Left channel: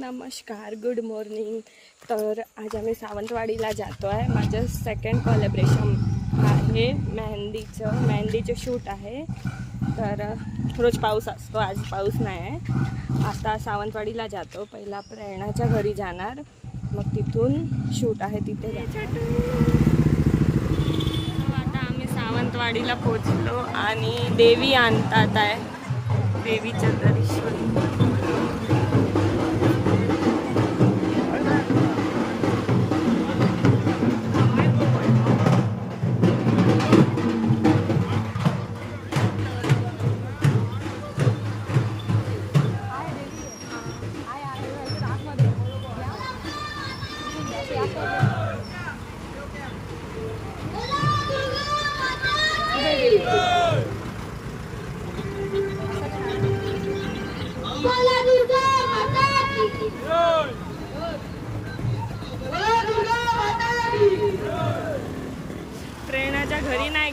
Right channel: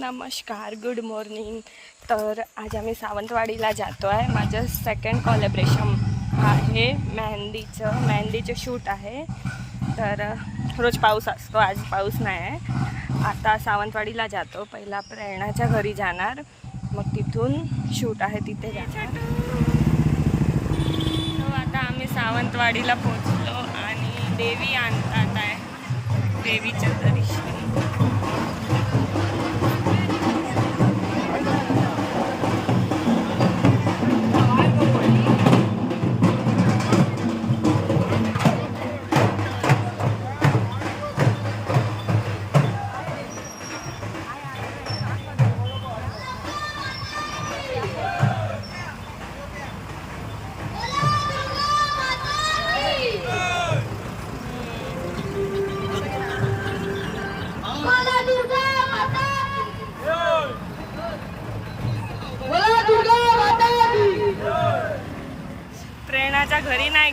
नमस्कार good morning तर आज आम्ही सावंतवाडीला जातो आहे माझं सेकंड कॉलेब्रेशन आहे. मेहंदीचं मेहंदीचं शूट आहे. तर रोज पाऊस असतो आज पाऊस नाही आहे आता सावंतवाडीला जातो. पहिला प्रेरणाच्या घरी जाणार. मग तिथून शूट आहे तिथे जायचं हो, आता आम्ही सावंतवाडीला पोचलो आणि देवी आणतात आहे. देवीचं दर्शन.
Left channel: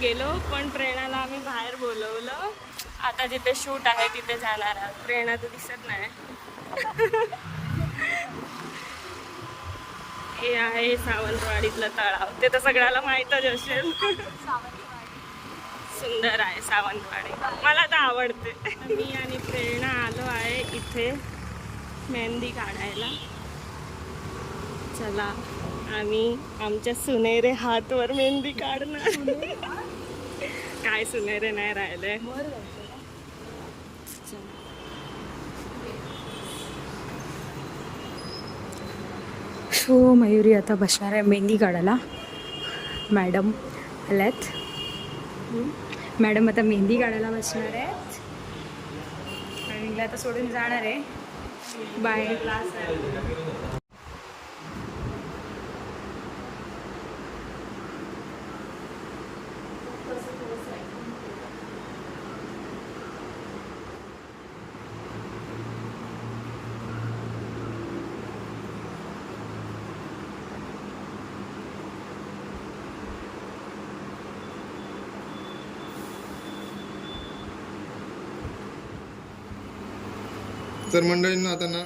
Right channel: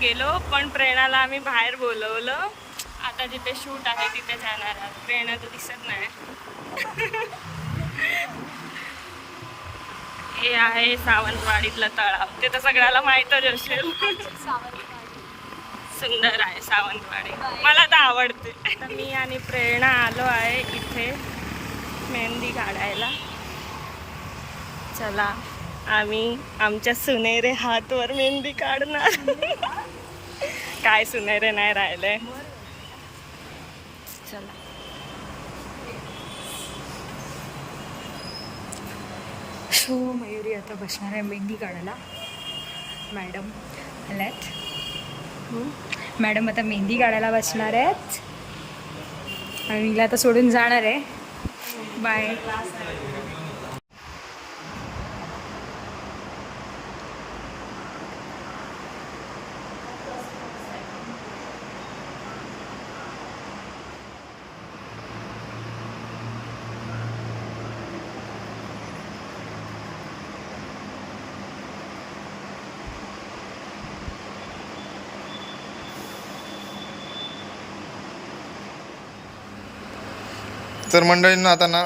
गेलो पण प्रेरणाला आम्ही बाहेर बोलवलं. आता जिथे शूट आहे तिथे जाणार आहोत. प्रेरणा तर दिसत नाही. हे आहे सावंतवाडीतलं तळाव ते तर सगळ्याला माहीतच असेल. सुंदर आहे सावंतवाडी. मला तर आवडते. तर मी आणि प्रेरणा आलो आहे इथे मेहंदी काढायला. चला आम्ही आमच्या सुनेरे हातवर मेहंदी काढणार. काय सुनेरे नाही राहिले. चला. सो मयुरी आता बसणार आहे मेहंदी काढायला. मॅडम आल्यात. मॅडम आता मेहंदी काढायला बसणार आहेत. आणि आता सोडून जाणार आहे. बाय. तर मंडळींना आता ना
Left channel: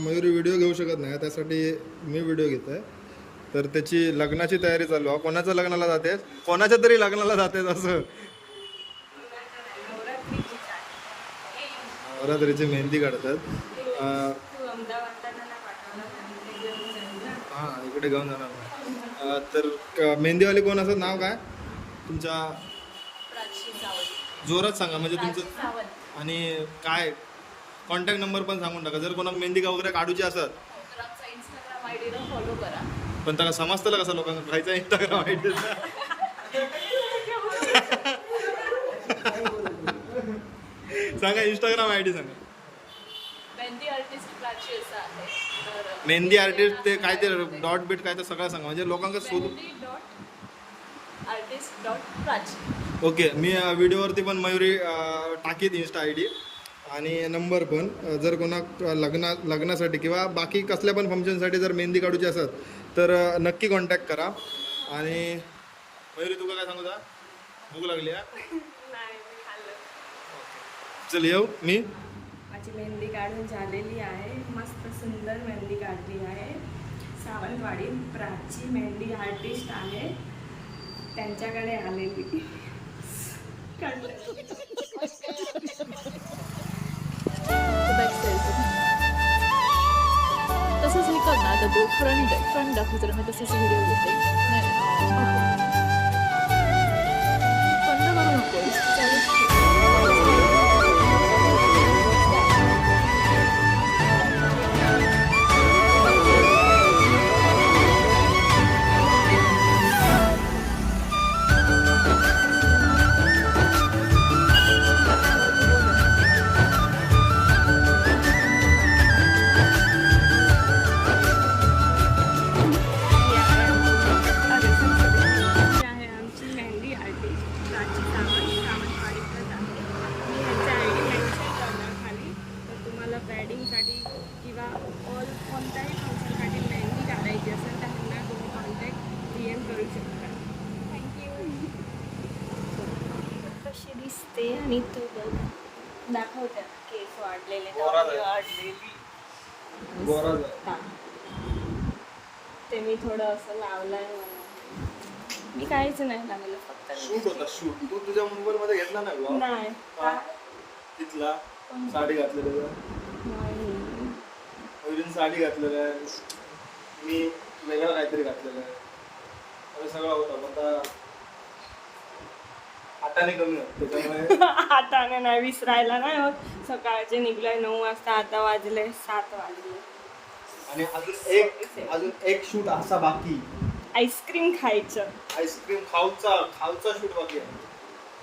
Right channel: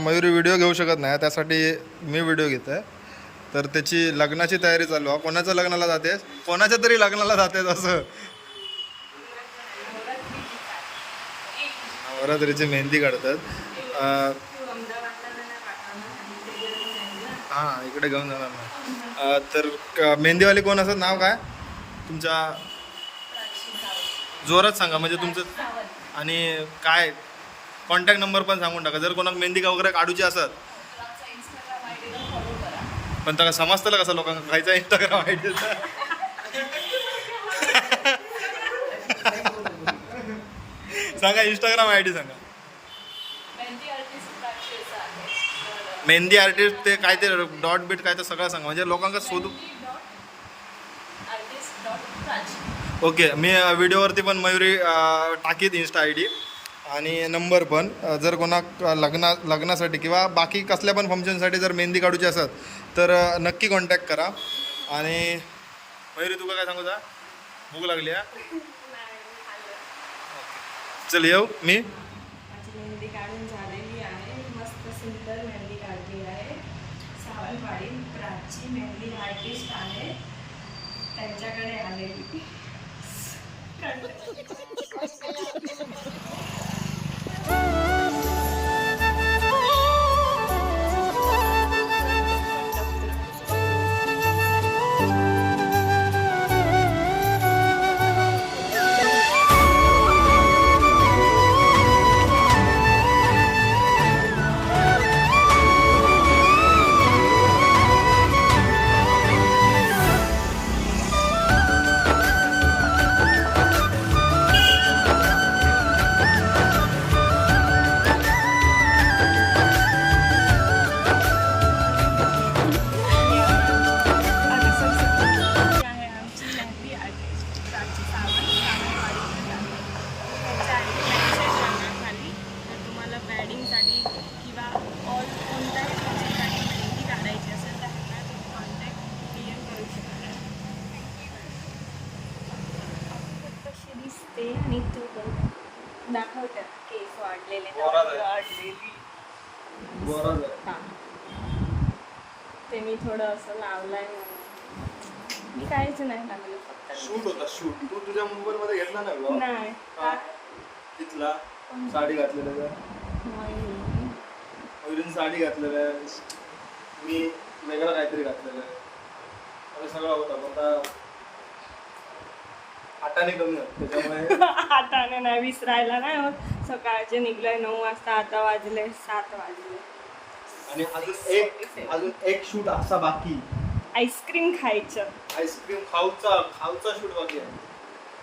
मयुरी व्हिडिओ घेऊ शकत नाही त्यासाठी मी व्हिडिओ घेत आहे तर त्याची लग्नाची तयारी चालू आहे. कोणाच्या लग्नाला जाते? कोणाच्या तरी लग्नाला जाते असं. नवरात्रीची मेहंदी काढतात. हां इकडे घेऊन जाणार ना. तर क- मेहंदीवाली कोण असं? नाव काय? तुमच्या जोरात सांगा म्हणजे तुमचं आणि काय? कॉन्टॅक्ट नंबर पण सांगून टाका. जर कोणाक मेहंदी का वगैरे काढूची असत पण त्याला समजतं कसं लोकांना खायचा इंस्टाग्राम आय डी सांगा इंस्टाग्राम आय डी सांगा. मेहंदी आर्टिस्ट ते काय ते डॉट बीट काय ते सगळं सांगा. म्हणजे लोकांना शोधू ओके मी अ, व्हिडिओवरती पण मयुरी अ, टाकीत इन्स्टा आय डी आणि नंबर पण जर कोणाक लग्ना लग्नासाठी किंवा बाकी कसल्या पण फंक्शनसाठी जर मेहंदी काढूची असत तर नक्की कॉन्टॅक्ट करा. आणि मयुरी तुका काय सांगू जा भूक लागली हा? चल येऊ. मी? माझी मेहंदी काढून झालेली आहे. मस्त सुंदर मेहंदी काढली आहे. सावंतवाडी प्राची मेहंदी आर्टिस्ट आहे. त्यांच्याकडे आलेली. बॅडिंगसाठी किंवा ऑल कोणत्याही फंक्शनसाठी मेहंदी काढायची असेल तर ह्यांना तुम्ही कॉन्टॅक्ट डी एम करू शकता. कशी दिसते आणि तू दाखवतात केस वाढलेले. वाढलेली. हा. ते मी थोडं असं लावलंय मी काहीच नाही लावलं फक्त शूट होता शूट तू तुझ्या मोबाईल मध्ये घेतला नाही? तिथला साडी घातलेलं मयुरीने साडी घातलेलं आहे. मी वेगळं काहीतरी घातलेलं आहे. आणि सगळं होता. पण आता हाताने कमी होत. त्याच्यामुळे आता नाही विसरायला नाही होत. सकाळचे निघलोय नऊ वाजता. आता वाजले सात वाजले. आणि अजून एक अजून एक शूट असा बाकी. आईस्क्रीम खायचं. आईस्क्रीम खाऊचा खाऊचा शूट बाकी आहे.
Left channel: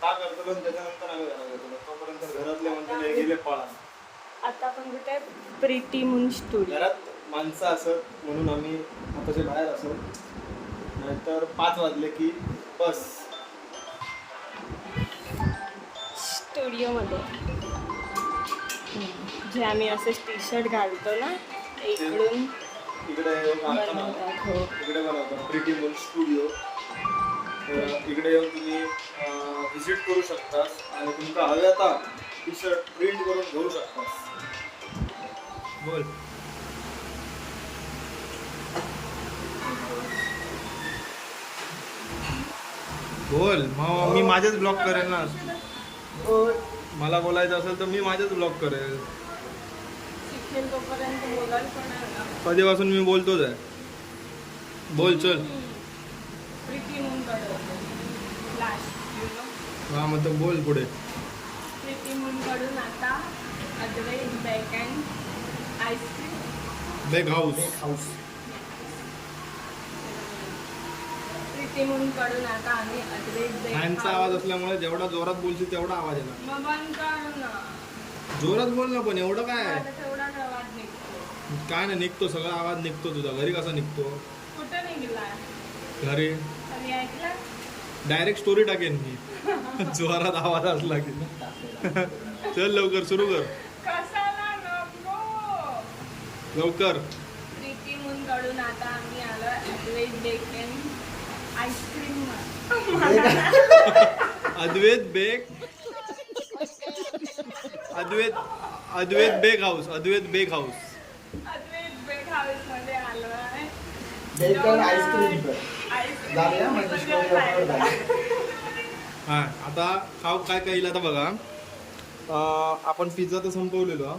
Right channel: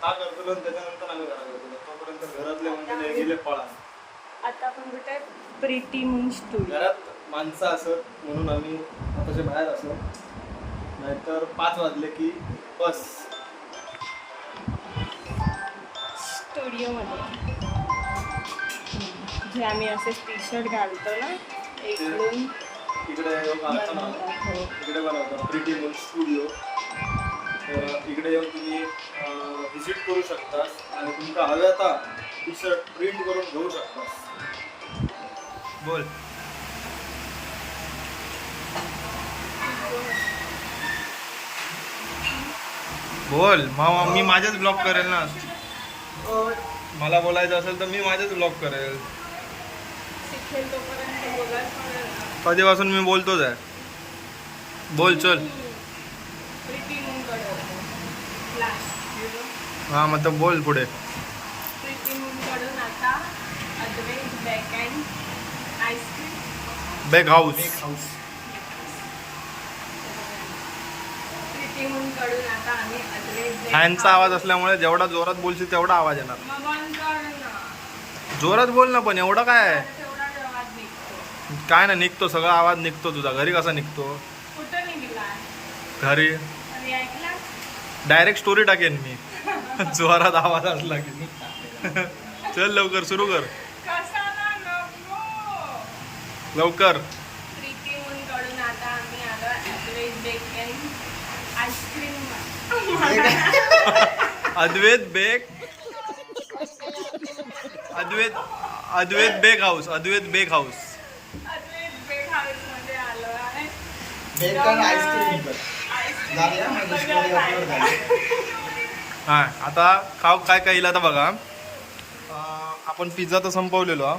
का करतो? त्याच्यानंतर आम्ही घरात येतो तोपर्यंत घरातले म्हणजे गेले पळा आता आपण कुठे प्रीती म्हणून स्टुडिओ घरात माणसं असत म्हणून आम्ही आताच्या बाहेर असत नाहीतर पाच वाजले की बस. स्टुडिओमध्ये जे आम्ही असे टी शर्ट घालतो ना इकडून इकडे बनवतात हो. इकडे बनवतात प्रिटी मून स्टुडिओ. तर इकडे येऊन तुम्ही व्हिजिट करू शकतास आणि तुमका हवे आता टी शर्ट प्रिंट करून घेऊ शकतास बोल. बोल मी माझेच ब्लॉग करेल ना. मला बोलायचं असेल तर मी माझेच ब्लॉग करेल. कधीपासून मी बोलतोच आहे? बोल चल. हा मग तर बोल पुढे प्रीती म्हणून कडून आता Advait bake and ice cream bake house Preeti म्हणून कडून आता आम्ही अद्वैत Bake फॅनचा आवाज असल्यामुळे जेवढा जोरात बोलशील तेवढा आवाज येणार. मग बंद कर ना जोरात बोल ना पण एवढं काय? आहे? आता तेवढाच आवाज निघतो. काय ना निघतो सगळा आवाज निघतो तुझा. घरी कसा निघतो? कुठं निघलाय घरी. आणि ऐकलं? डायरेक्ट स्टोरी टाकेन मी. जोरात आवाज असला की. चल लवकर सुरू कर. लवकर. प्रीती म्हणून कडून आता आम्ही आलो Advait beacon ice cream. Advait Advait Advait bake house Advait bake house. Advait bake house म्हणजे. हा आता खाऊ काय काय येईल आता बघा. अं, आपण पिझ्झा तर संपवलेलो हा.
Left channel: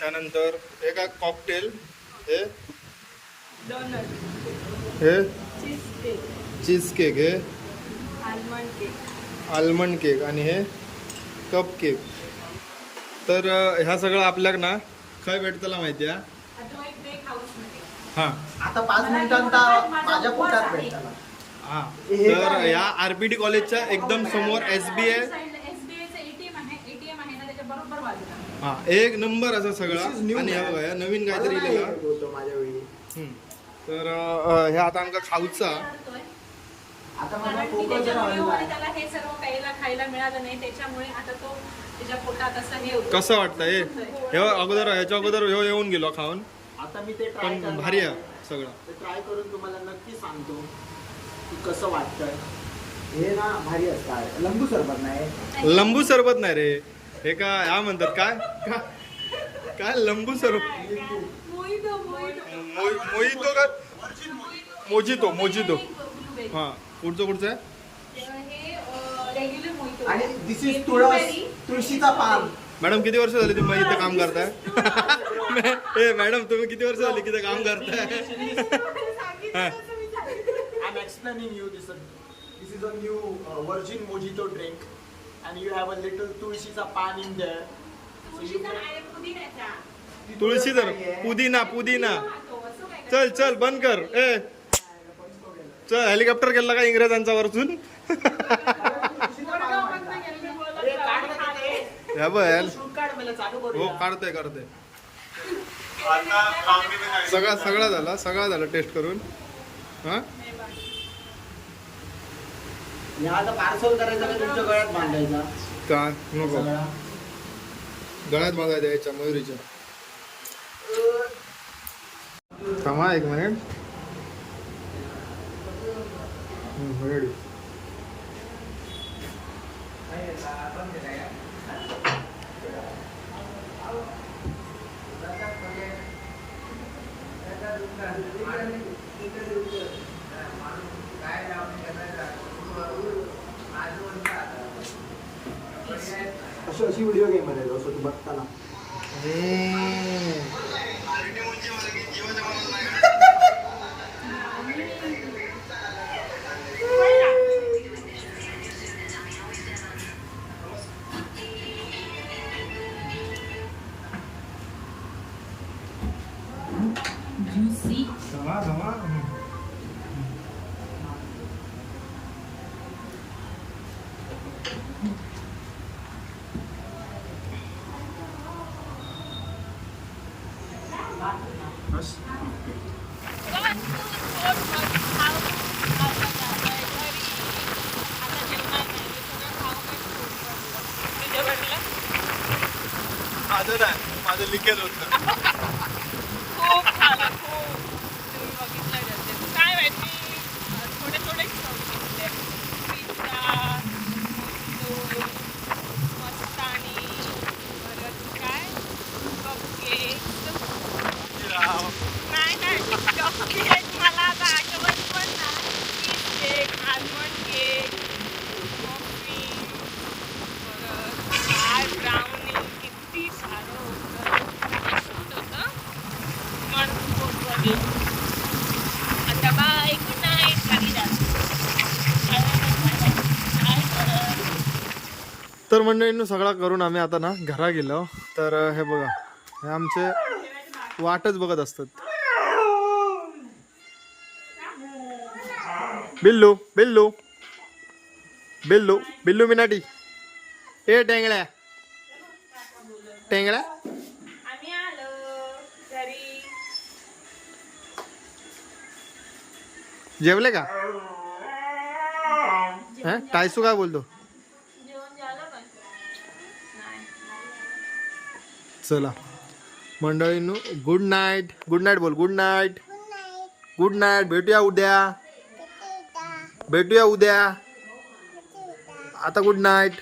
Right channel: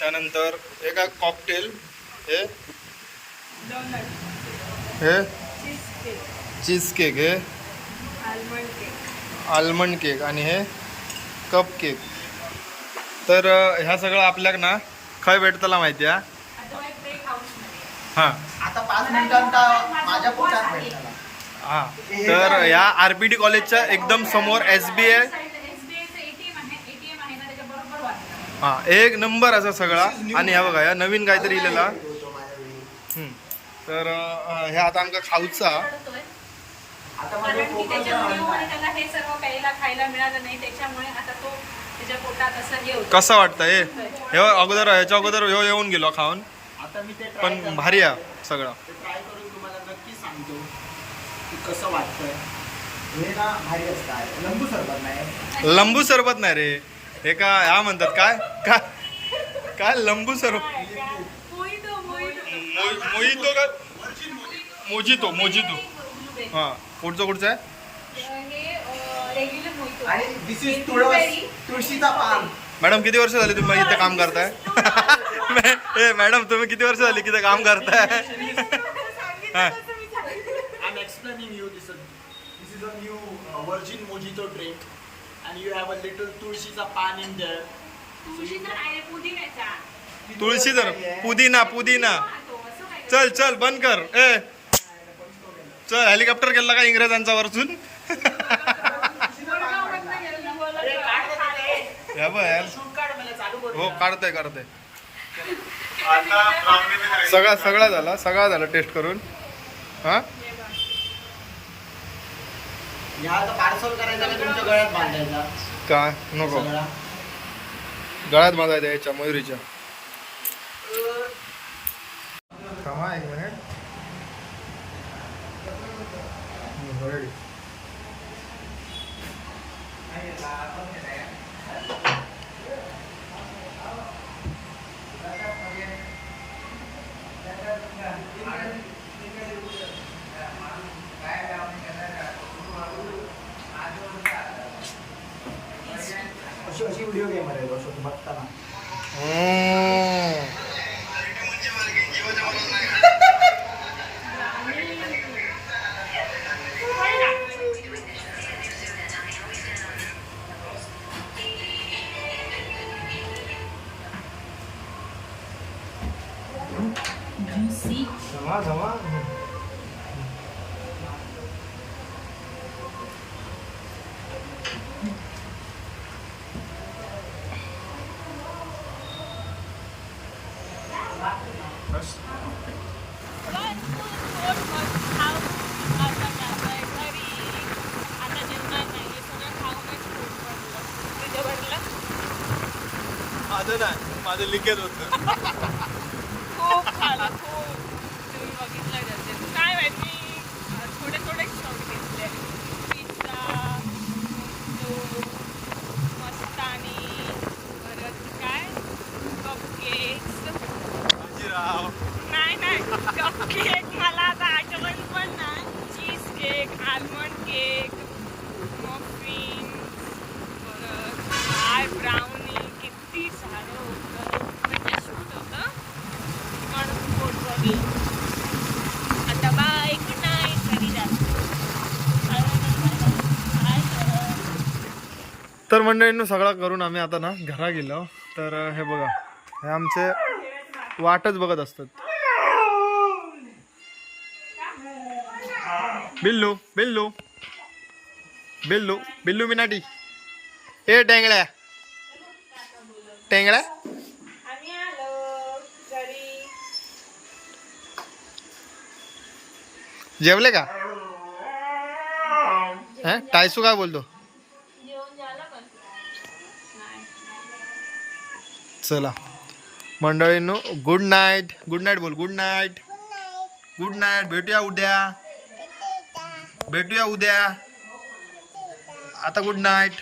त्यानंतर हे काय कॉकटेल हे? डोनट हे? चीज केक हे? आलमंड केक आल्मंड केक आणि हे? कप केक तर ह्या सगळं आपल्याक ना खय भेटतला माहिती आहे? हां. हां. तर ह्या आर पी डी कॉलेजच्या एकदम समोर एस बी आय एसबीआयचं एटीएम आहे एटीएम आहे ना त्याच्या बरोबर बाजूला हां एक नंबर असा सगळा. आणि ह्या बघा ह्या नवीन काहीतरी इलेला. तर अं, हे आता आमका खाऊचा. आता माझा कारण की फोकस त्याच्या आहे व्हिडिओमध्ये online. त्याला हे सर्व खायला खायला मिळालं नाही. त्याच्यामुळे आता तो त्याच्या पोटात असं हे होतं. कसं वाटतं हे? हे अगोदर ह्याच्या अगोदर ह्यो येऊन गेलो खाऊन. आता मी ते try पण. भारी आहे सगळं. ते ट्राय करून तुम्हाला नक्की सांगतो की कसं वाटतंय. हे ना भारी असतं. लंबू सरबत नाही. लंबू सरबत नाही रे. हे का ह्या म्हणतात काय? काय काय लंबू सरबत मोहितो का? Mojito mojito. हां पुढचं कुठचं आहे? हे रेग्युलर मोहितो. आणि दिस इज तुळस तुळशीचा पान. मॅडम किती वर्ष झाली तुम्ही इथे काम करताय? ए मॅडम तुम्ही किती वर्ष झाली इथे काम करताय? हा. I'm explaining you this. This is a new uh, virgin mojito drink, and you have a little tulsiचा pan in there. तुळशीचा नाही पुदिन्याचा. तुळशी तर पुदिना पुदिना. चल चल बंद कर. ए. चल हेलिकॉप्टर गेला का इंग्रजांचा या बघ Shoot काढ मला चालू करू. हो काढतोय काढतोय. सगळा सगळा झाला सगळा झाला टेस्ट करून. हा? आता पार्सल करायचा का तुमच्या गळ्यात बांधायचा? काय नको. सगळा गळ्यात बांधायचा याच्या मयुरीच्या. थांबा एक मिनिट रेडी अशी अशी व्हिडिओ गेम आहे तू बघताना हम्म. जमा जमा माझं नाही माझं लिकेज होतं खूप खाल्लं खूप तुम्ही बघितलं असेल काय माहिती अं, थोडे थोडे खाऊन घेतले पिझ्झा मस्तानी परत काय कपकेक्स राव नाही नाही कपकेक मला आता आठवत पण नाही cheesecake almond cake muffin परत काय ब्राउनी किती सारं होतं शूट होतं पण पोट भरली आता बाय गुड नाईट घरी जातो काय करत तर मंडळींनो सगळा करून आम्ही आता ना घरा गेलो. तर हे बघा हे आमचे वाटच बघत असतात. बिल्लू बिल्लू बिल्लू बिल्लू मिनाटी. ए आलो घरी जेवले का? हा? टायसू काय बोलतो? चला. मंडळींनो गुड नाईट गुड नाईट बोल गुड नाईट गुड नाईट भेटूया उद्या. भेटूया. उद्या. आता गुड नाईट